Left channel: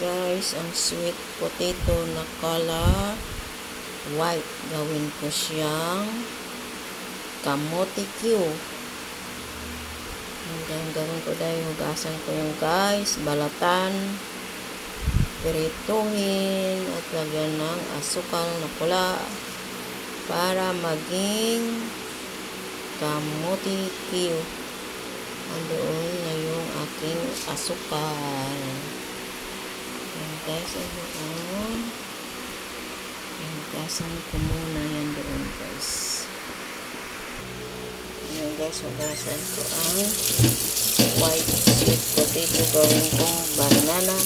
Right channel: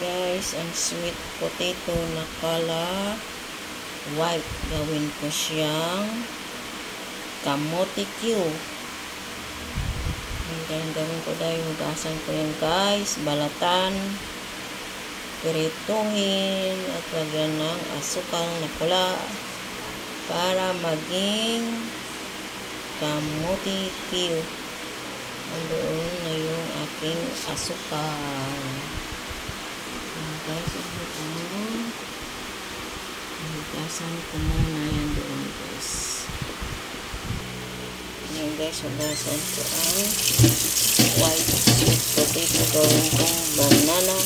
guys ang sweet potato na color white. Gawin ko siyang kamote Q. Hanggang gawin ko dahil hugasan ko yan guys, balatan, pirituhin at lagyan ng asukal na pula para maging kamote Q. Andoon na yung aking asukal. Guys, hugasan ko muna yan doon guys. Ayan guys, hugasan ko ang white sweet potato. Gawin kong banana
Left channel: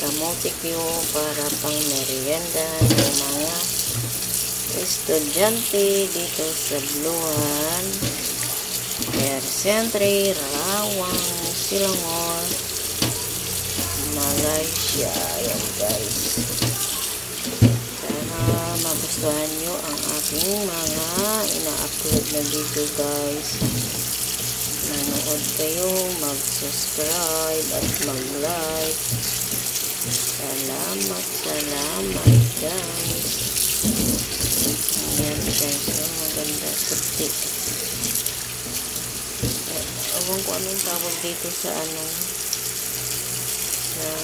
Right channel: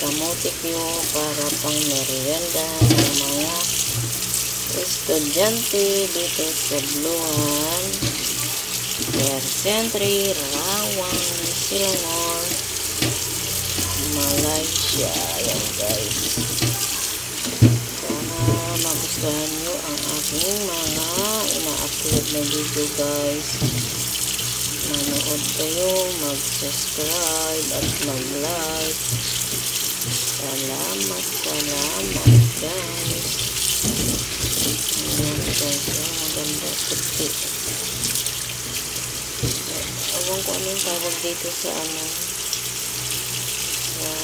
kamote Q para pang merienda ng mga estudyante dito sa Buluan, Century, Rawang, Selangor, Malaysia. Ayan guys, sana magustuhan nyo ang aking mga ina-upload na video guys. Manood kayo, mag-subscribe at mag-like. Salamat guys. Ayan guys, maganda puti. Ewan ko anong tawag dito sa sa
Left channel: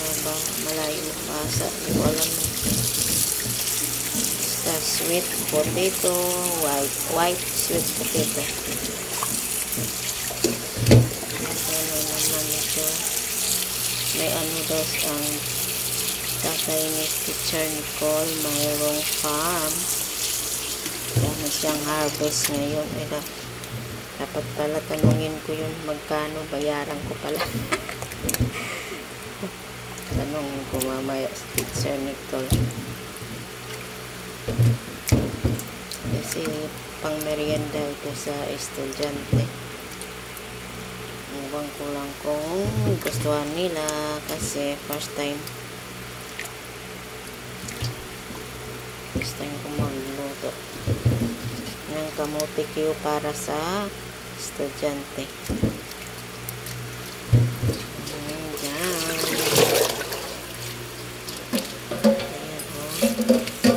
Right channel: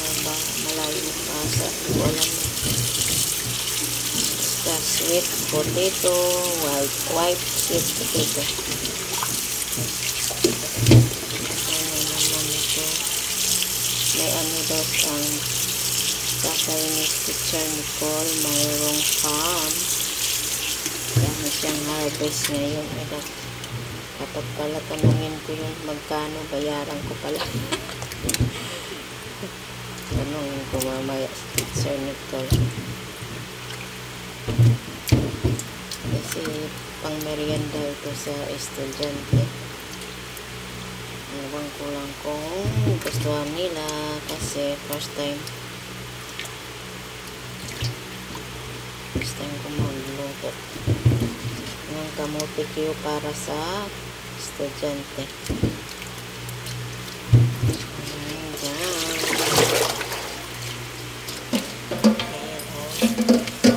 malayo basa, hindi ko alam. Sa sweet potato, white sweet potato. Ano naman ito, may daw ang tatay ni Teacher Nicole, mayroong farm. Dami siyang harvest ngayon. Dapat pala tanungin ko yun, magkano bayaran ko pala. Tanungin ko mamaya sa Teacher Nicole. Kasi pang merienda ito sa estudyante. Ewan ko lang kung gustuhan nila kasi first time ko magluto ng kamote Q para sa estudyante.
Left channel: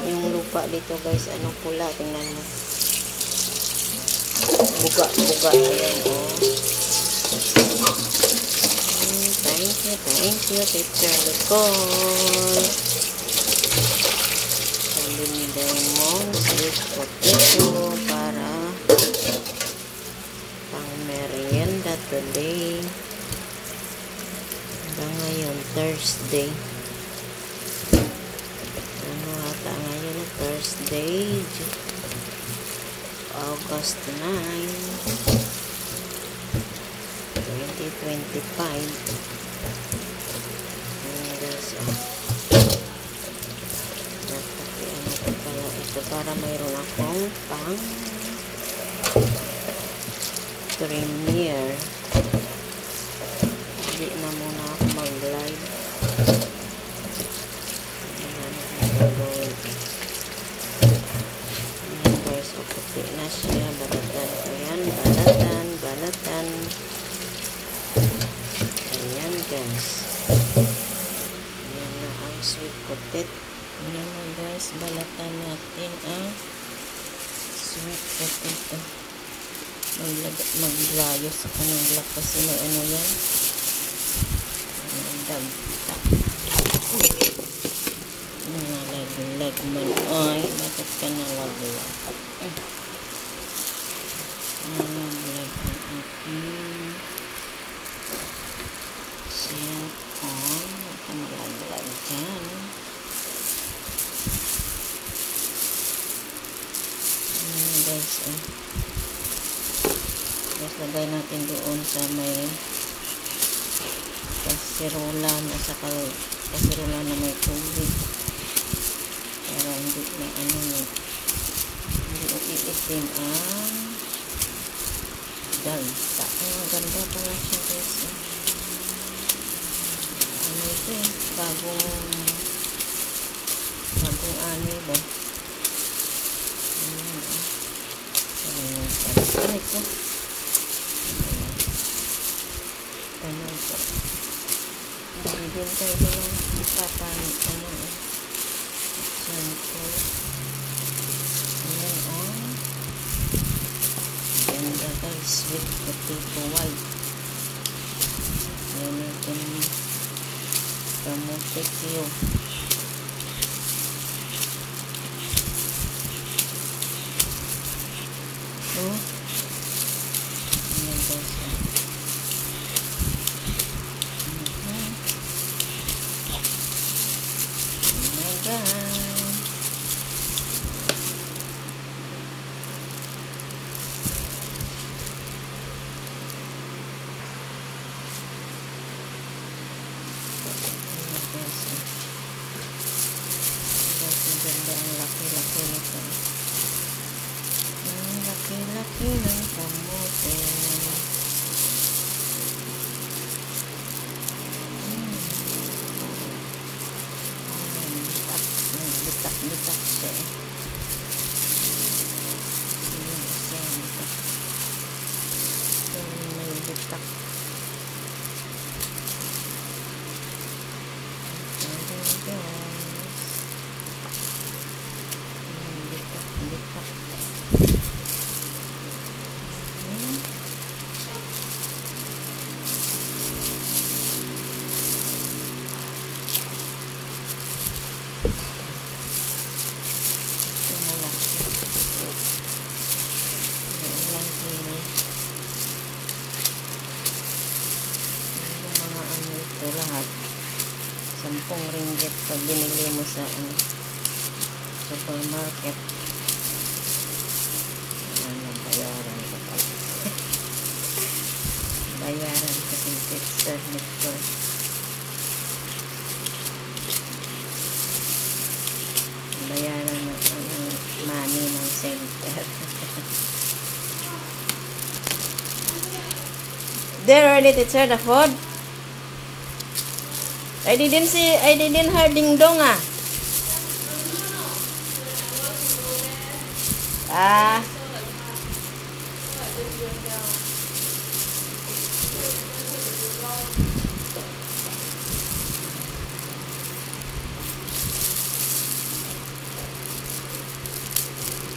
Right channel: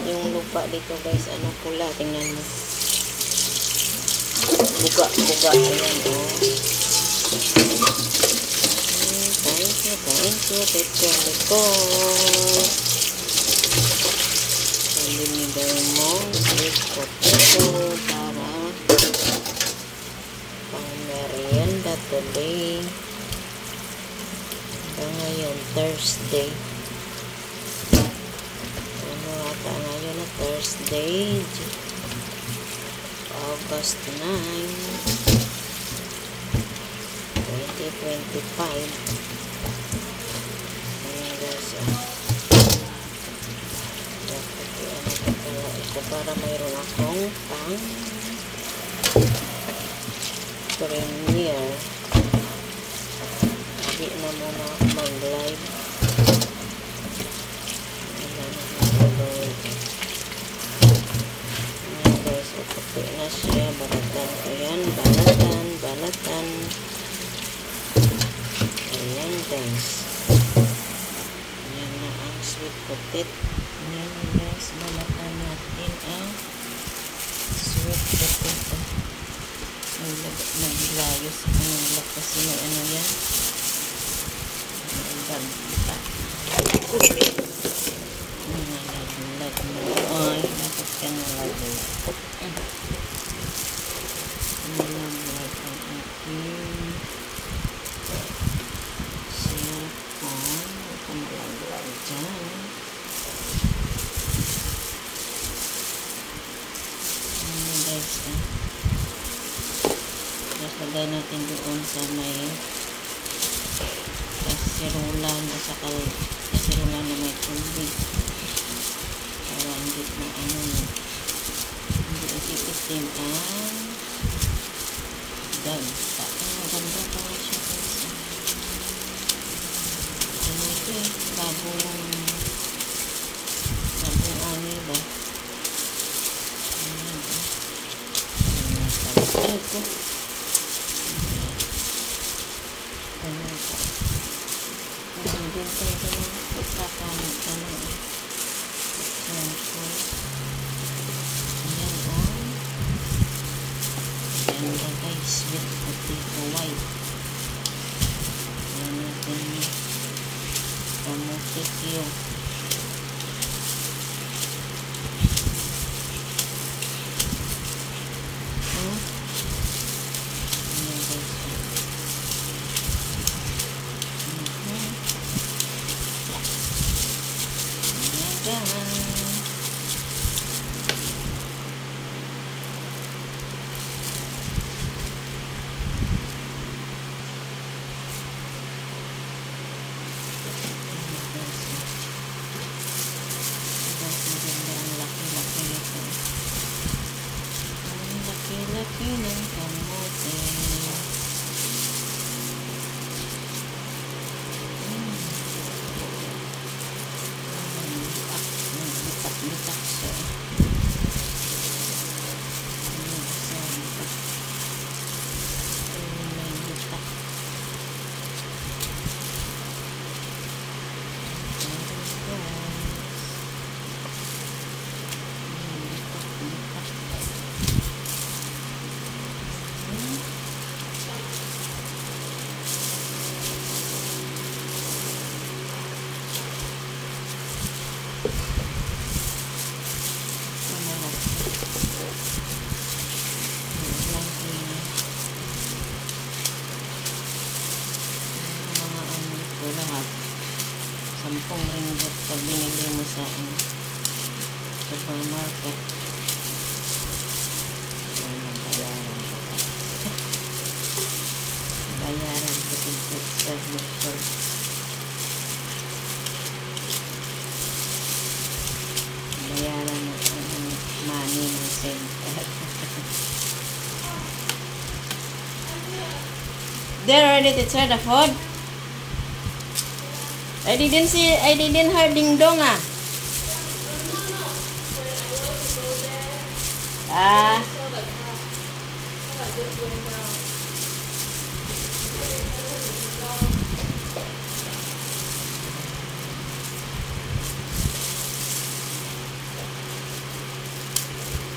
Yung lupa dito guys, pula, tingnan mo, buga. Ayan thank you Teacher Nicole. Binigay mo sweet potato para pang merienda today. Hanggang ngayon Thursday. Ata ngayon na Thursday, August 9, 2025. Para mayroon akong pang premiere. Hindi na muna ako mag-live. Ayan guys, puti na siya. Balatan ko yan. Balatan. Ayan guys. Ayan na ang sweet potato. Ayan na guys, balatan natin ang sweet potato. Maglayos ako ng black kasi may yan. Nangalaglag mo. Ay, bakit ka nalaglag? Nalaglag ang aking sipon. Huwag ka nalaglag dyan. Guys, lagay natin doon sa may kasirulan at saka kasirulan na may tubig para hindi na hindi itim ang gagta. Maganda pala siya kasi ito bagong ani ba. Ito Nagbintay ko lang ikakamit ka na shampoo. Ayan ang ganda guys, sweet potato white. Ayan natin kamote Q. Ayan guys. Laki ng kamote. Bitak siya. May bitak. Bitak. ₱10 pag binili mo sa supermarket. Ayan, bayaran ko pa. Bayaran ko sa nito. Bayaran mo ang money ng center. They're ready to share the food? I didn't hear ding dong ah.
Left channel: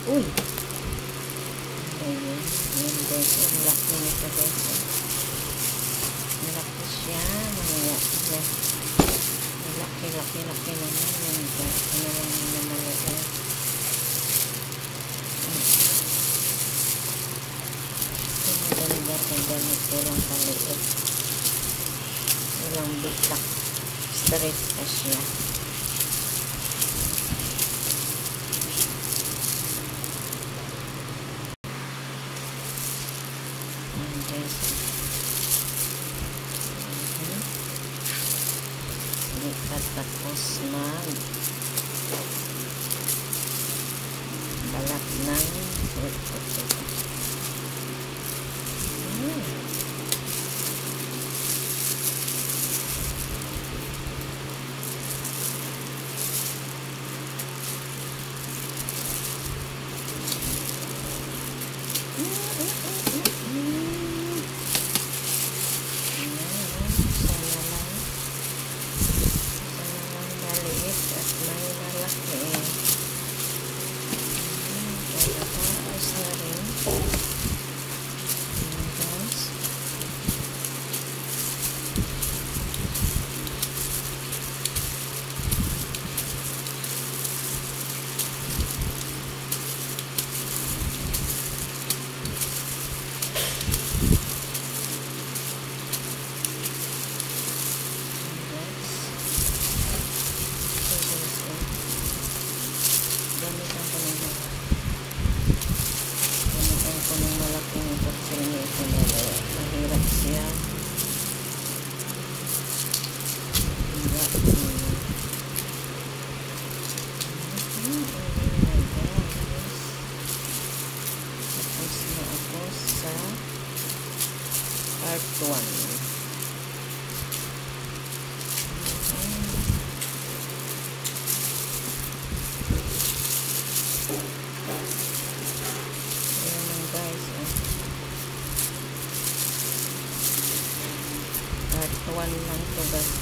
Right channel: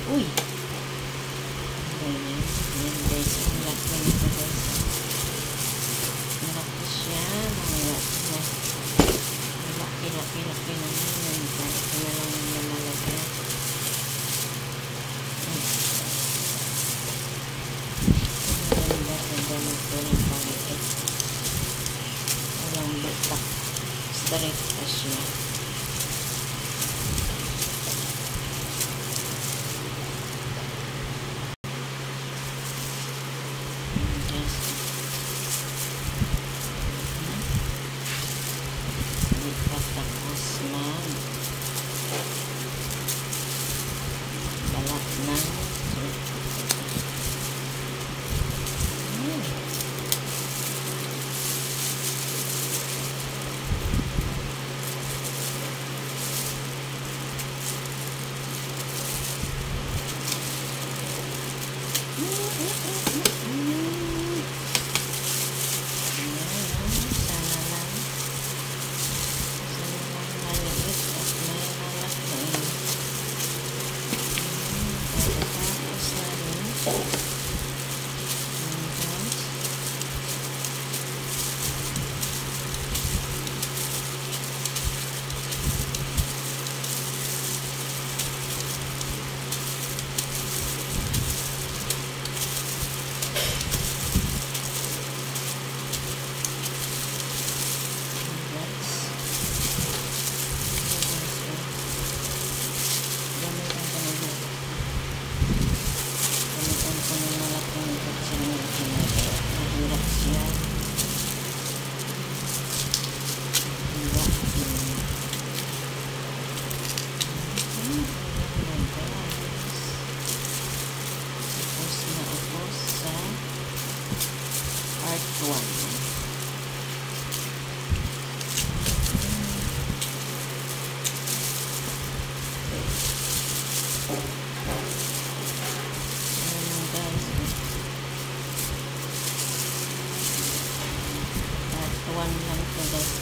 Uy. Ayan. Yan guys. Ang laki nito guys. Malaki siya. Laki naman. Yan guys. Ano lang yung malaki. Ganda nito lang paliit. Walang bitak. Straight pa siya. Tapos balat ng sweet potato.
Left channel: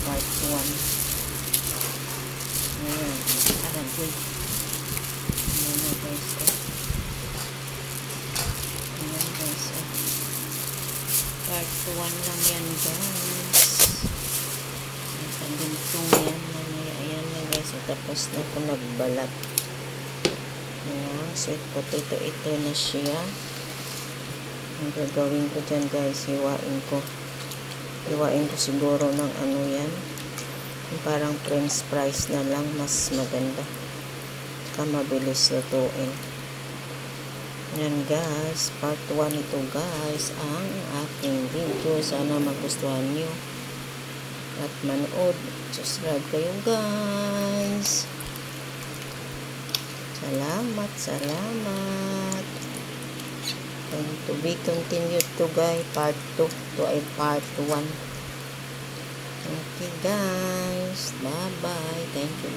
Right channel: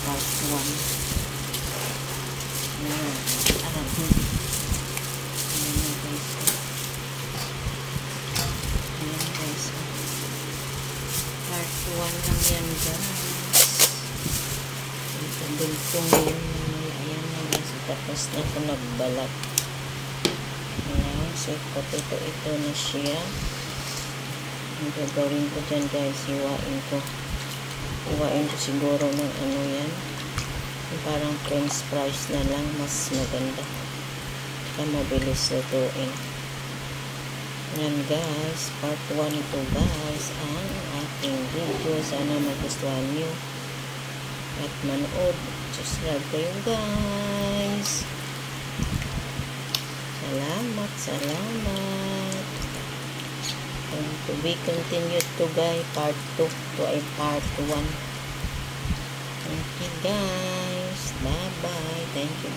part 1. Ayan. Parang good. Ayan guys. Ayan guys. Part 1 lang yan guys. Pagdultong yan mamaya. Ayan na guys. Tapos na ako nagbalat. Ayan. Sweet potato ito na siya. Ang gagawin ko dyan guys. Hiwain ko siguro ng ano yan. Parang french fries na lang. Mas maganda. Saka mabilis lutuin. Yan guys, part 1 ito guys, ang aking video. Sana magustuhan nyo at manood. Subscribe kayo guys. Salamat. And to be continued to guys, part 2 to ay part 1. Okay guys, bye bye. Thank you.